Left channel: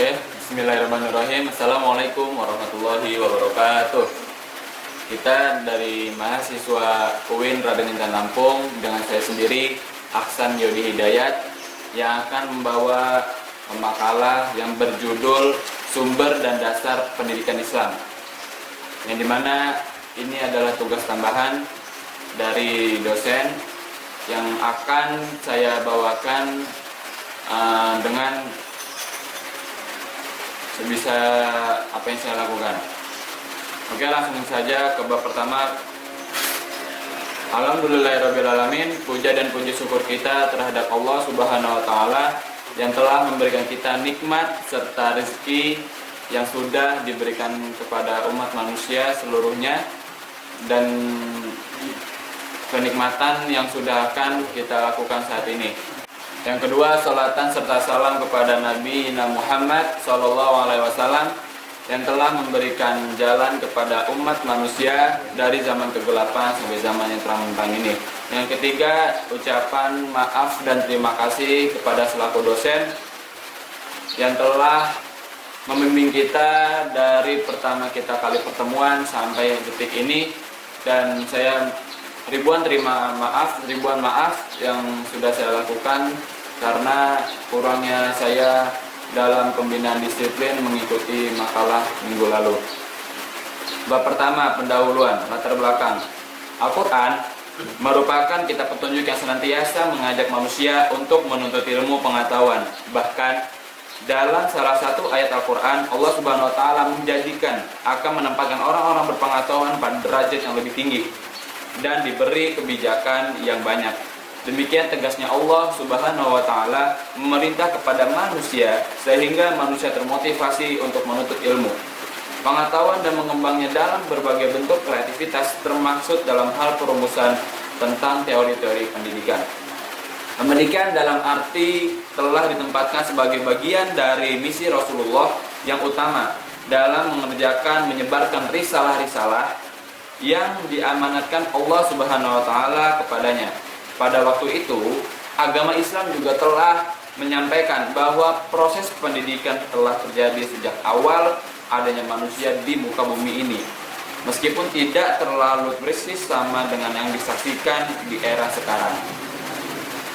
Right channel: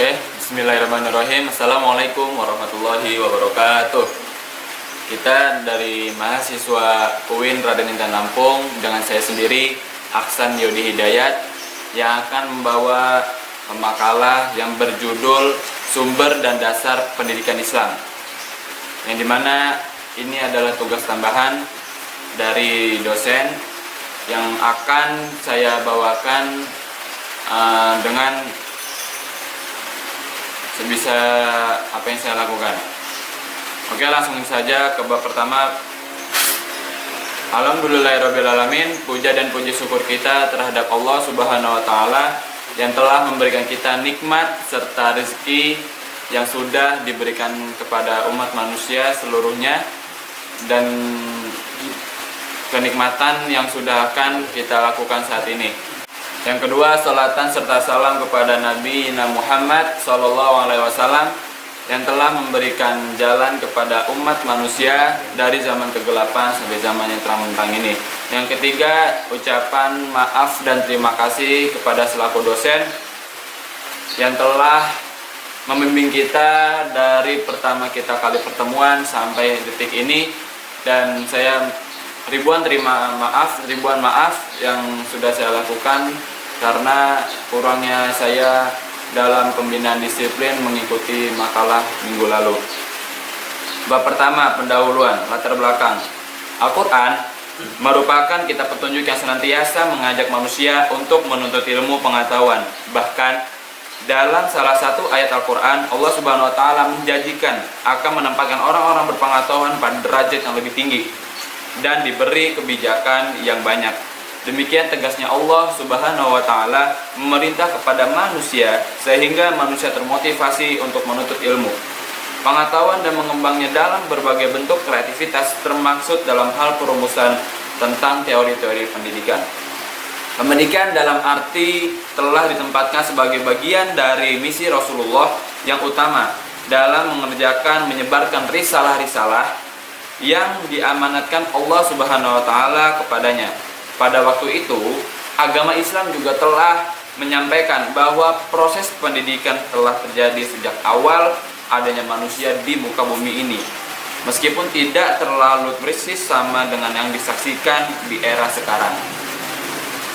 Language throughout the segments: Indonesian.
Oke, bismillahirrahmanirrahim. Assalamualaikum warahmatullahi wabarakatuh. Kita dari mahasiswa UIN Raden Intan Lampung dengan saya sendiri, Aksan Yodi Hidayat, yang akan membawa makalah yang berjudul Sumber dan Dasar Pendidikan Islam, yang dimana ini adalah tugas tambahan dari dosen yang akan saya bawakan dengan sebisa apa yang saya lakukan. Oke, langsung saja ke bab pertama. Alhamdulillahirrabbilalamin. Puja dan puji syukur kita terhadap Allah Subhanahu wa Ta'ala yang telah memberikan kita nikmat serta rezeki yang sudah diberikan kepada umat manusia seluruhnya, dan kenikmatan yang sudah akan kita lakukan saat ini. Yang kedua, salatan serta salam kepada Nabi Muhammad SAW yang telah memberikan jalan kepada umat manusia dari zaman kegelapan sampai zaman yang terang benderang ini. Yang ketiga, ucapan maaf dan terima kasih kepada selaku dosen yang telah membimbing kita dari pertama kita kali pertemuan sampai detik ini, dan saya ribuan maaf yang sudah saya lakukan karena kurangnya saya dalam pembinaan disiplin mengikuti makalah minggu lalu. Bab pertama, pendahuluan, latar belakang. Al-Quran merupakan kitab petunjuk yang senantiasa mengajak manusia untuk menuntut ilmu pengetahuan. Bahkan dalam salah satu ayat Al-Quran, Allah Subhanahu wa Ta'ala menjanjikan akan menempatkan orang-orang berpengetahuan pada derajat yang lebih tinggi dan diberi kebijakan yang banyak. Demikian tegasnya Allah Subhanahu wa Ta'ala memerintah kepada manusia sehingga manusia termotivasi untuk menuntut ilmu, pengetahuan dan mengembangnya dalam berbagai bentuk kreativitas, termaksud dalam hal perumusan tentang teori-teori pendidikan. Pendidikan dalam arti telah ditempatkan sebagai bagian dari misi Rasulullah yang utama dalam menyebarkan risalah-risalah yang diamanatkan Allah Subhanahu wa Ta'ala kepadanya. Pada waktu itu, agama Islam juga telah menyampaikan bahwa proses pendidikan telah terjadi sejak awal adanya manusia di muka bumi ini, meskipun tidak terlalu persis sama dengan yang disaksikan di era sekarang.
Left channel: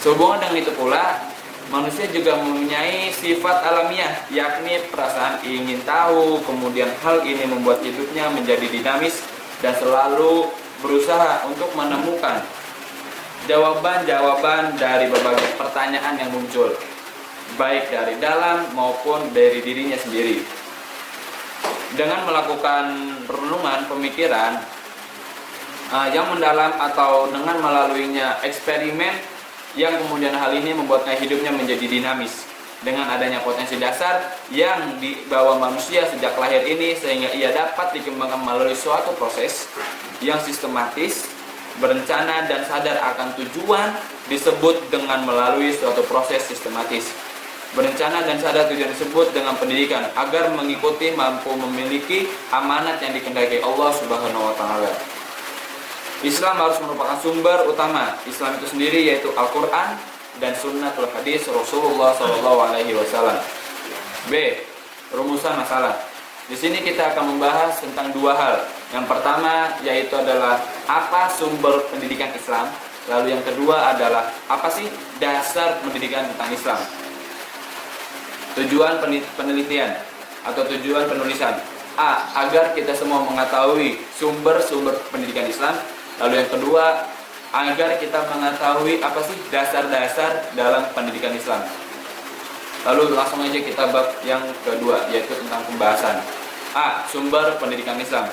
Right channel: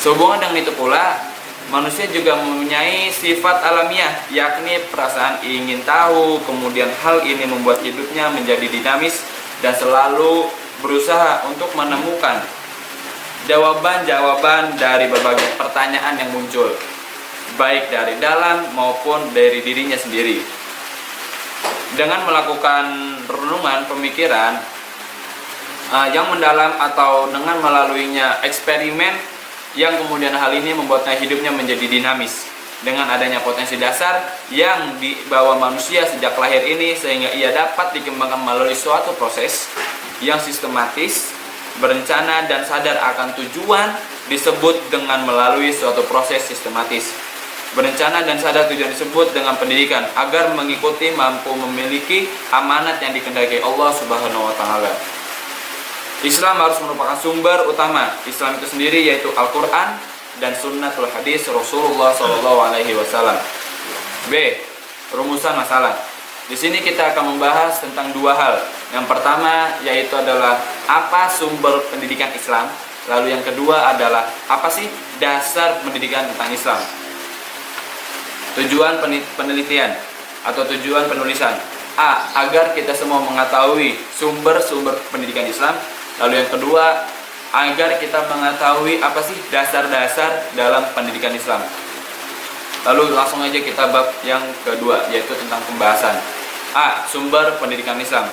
Sehubungan dengan itu pula, manusia juga mempunyai sifat alamiah, yakni perasaan ingin tahu. Kemudian hal ini membuat hidupnya menjadi dinamis dan selalu berusaha untuk menemukan jawaban-jawaban dari berbagai pertanyaan yang muncul, baik dari dalam maupun dari dirinya sendiri. Dengan melakukan renungan pemikiran yang mendalam atau dengan melaluinya eksperimen, yang kemudian hal ini membuatnya hidupnya menjadi dinamis dengan adanya potensi dasar yang dibawa manusia sejak lahir ini, sehingga ia dapat dikembangkan melalui suatu proses yang sistematis, berencana dan sadar akan tujuan, disebut dengan melalui suatu proses sistematis. Berencana dan sadar tujuan disebut dengan pendidikan, agar mengikuti mampu memiliki amanat yang dikehendaki Allah Subhanahu wa Ta'ala. Islam harus merupakan sumber utama Islam itu sendiri, yaitu Al-Quran dan Sunnatul Hadis Rasulullah SAW. B. Rumusan masalah. Di sini kita akan membahas tentang dua hal. Yang pertama yaitu adalah apa sumber pendidikan Islam. Lalu yang kedua adalah apa sih dasar pendidikan tentang Islam. Tujuan penelitian atau tujuan penulisan. A. Agar kita semua mengetahui sumber-sumber pendidikan Islam. Lalu yang kedua, agar kita mengetahui apa sih dasar-dasar dalam pendidikan Islam. Lalu langsung aja kita bab yang kedua, yaitu tentang pembahasan. A. Sumber pendidikan Islam.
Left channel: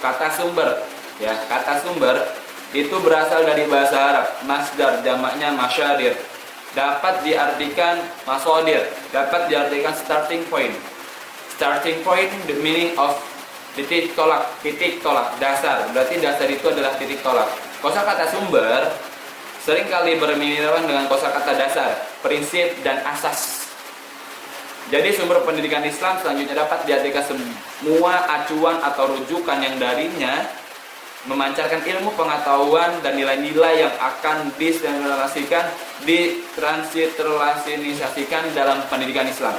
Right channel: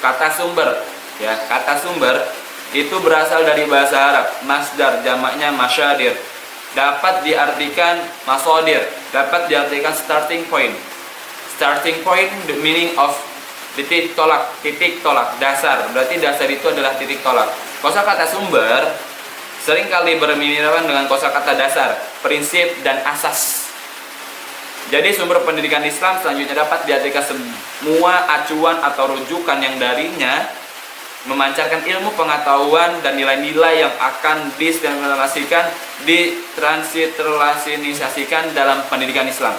Kata sumber, kata sumber itu berasal dari bahasa Arab. Masdar, jamaknya masyadir. Dapat diartikan masodir, dapat diartikan starting point. Starting point, the meaning of titik tolak, dasar. Berarti dasar itu adalah titik tolak. Kosakata sumber seringkali bermiripan dengan kosakata dasar, prinsip dan asas. Jadi sumber pendidikan Islam selanjutnya dapat diartikan semua acuan atau rujukan yang darinya memancarkan ilmu pengetahuan dan nilai-nilai yang akan ditransiterasikan dalam pendidikan Islam.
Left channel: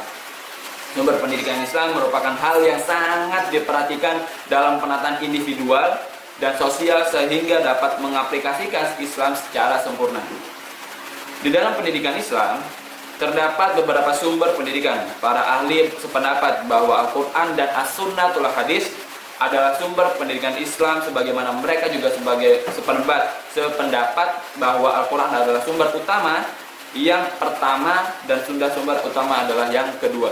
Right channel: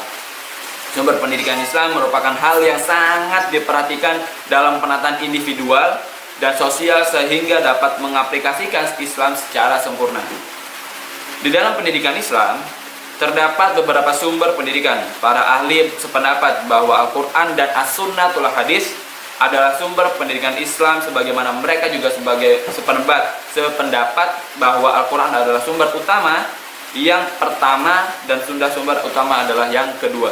Sumber pendidikan Islam merupakan hal yang sangat diperhatikan dalam penataan individual dan sosial sehingga dapat mengaplikasikan Islam secara sempurna. Di dalam pendidikan Islam, terdapat beberapa sumber pendidikan. Para ahli sependapat bahwa Al-Quran dan As-Sunnatul Hadis adalah sumber pendidikan Islam, sebagaimana mereka juga sebagai sependapat bahwa Al-Quran adalah sumber utama yang pertama dan sumber utama adalah yang kedua.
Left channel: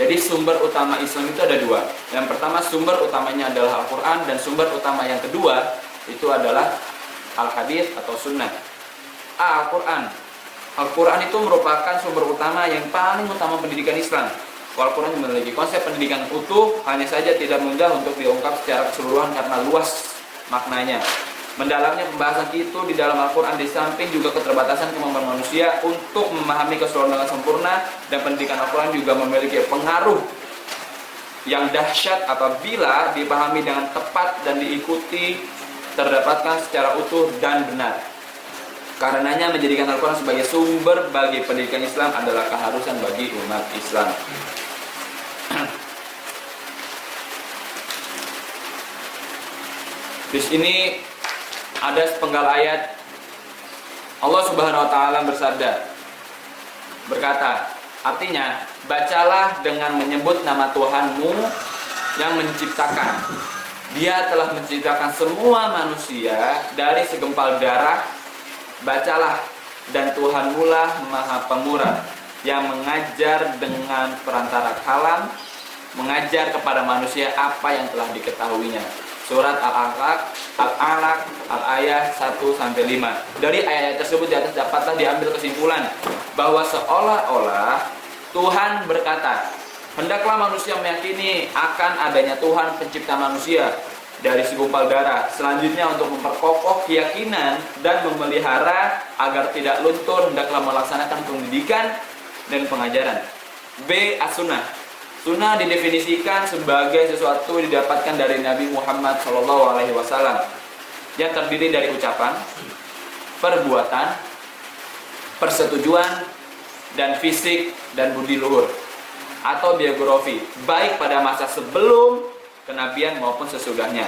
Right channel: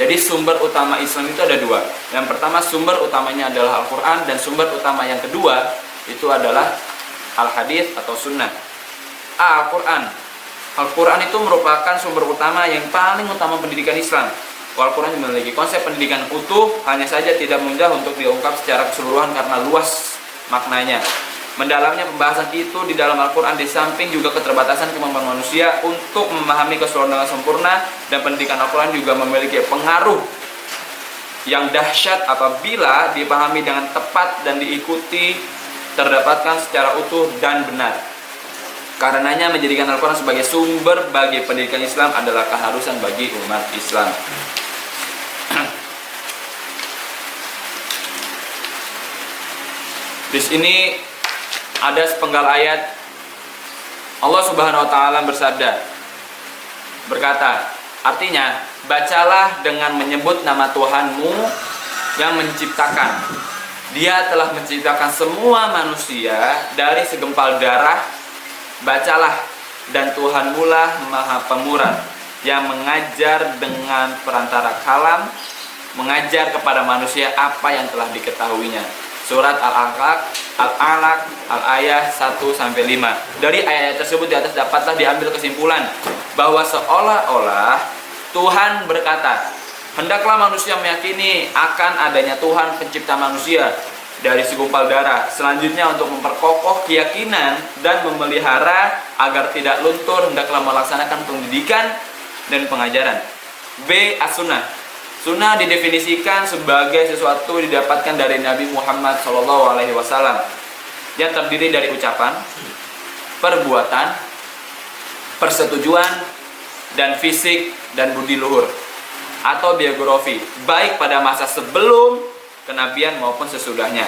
Jadi sumber utama Islam itu ada dua. Yang pertama sumber utamanya adalah Al-Quran, dan sumber utama yang kedua itu adalah Al-Hadis atau Sunnah. Al-Quran. Al-Quran itu merupakan sumber utama yang paling utama pendidikan Islam. Al-Quran memiliki konsep pendidikan utuh, hanya saja tidak mudah untuk diungkap secara keseluruhan karena luas maknanya. Mendalamnya pembahasan itu di dalam Al-Quran, di samping juga keterbatasan kemampuan manusia untuk memahami keseluruhan dengan sempurna, dan pendidikan Al-Quran juga memiliki pengaruh yang dahsyat apabila dipahami dengan tepat dan diikuti terdapatkan secara utuh dan benar. Karenanya menjadikan Al-Quran sebagai sumber bagi pendidikan Islam adalah keharusan bagi umat Islam. Di sini ada sepenggal ayat Allah Subhanahu wa taala berkata, artinya, bacalah dengan menyebut nama Tuhanmu yang menciptakan. Dia telah menciptakan semua manusia dari segumpal darah. Bacalah, dan Tuhanmu lah Maha Pemurah yang mengajar dengan perantara kalam, mengajar kepada manusia apa yang telah diketahuinya. Surat Al-Alaq Al-Ayah 1-5. Dari ayat tersebut di atas dapatlah diambil kesimpulan bahwa seolah-olah Tuhan berkata, hendaklah manusia meyakini akan adanya Tuhan pencipta manusia dari segumpal darah. Selanjutnya, untuk memperkokoh keyakinan dan memelihara agar tidak luntur, hendaklah melaksanakan pendidikan dan pengajaran. B. As-Sunnah. Sunnah didefinisikan sebagai sesuatu didapatkan dari Nabi Muhammad SAW yang terdiri dari ucapan, perbuatan, persetujuan, dan fisik dan budi luhur atau biografi, baik pada masa sebelum kenabian maupun sesudahnya.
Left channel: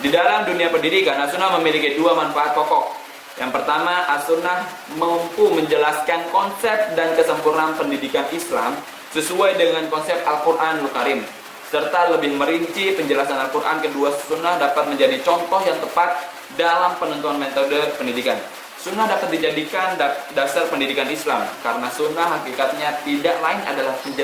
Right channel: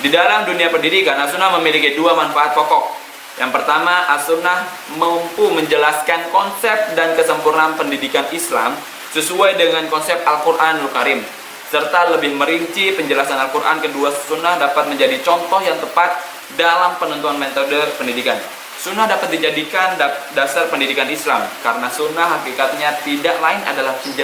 Di dalam dunia pendidikan, As-Sunnah memiliki dua manfaat pokok. Yang pertama, As-Sunnah mampu menjelaskan konsep dan kesempurnaan pendidikan Islam sesuai dengan konsep Al-Quranul Karim, serta lebih merinci penjelasan Al-Quran. Kedua, Sunnah dapat menjadi contoh yang tepat dalam penentuan metode pendidikan. Sunnah dapat dijadikan dasar pendidikan Islam karena Sunnah hakikatnya tidak lain adalah penjelasan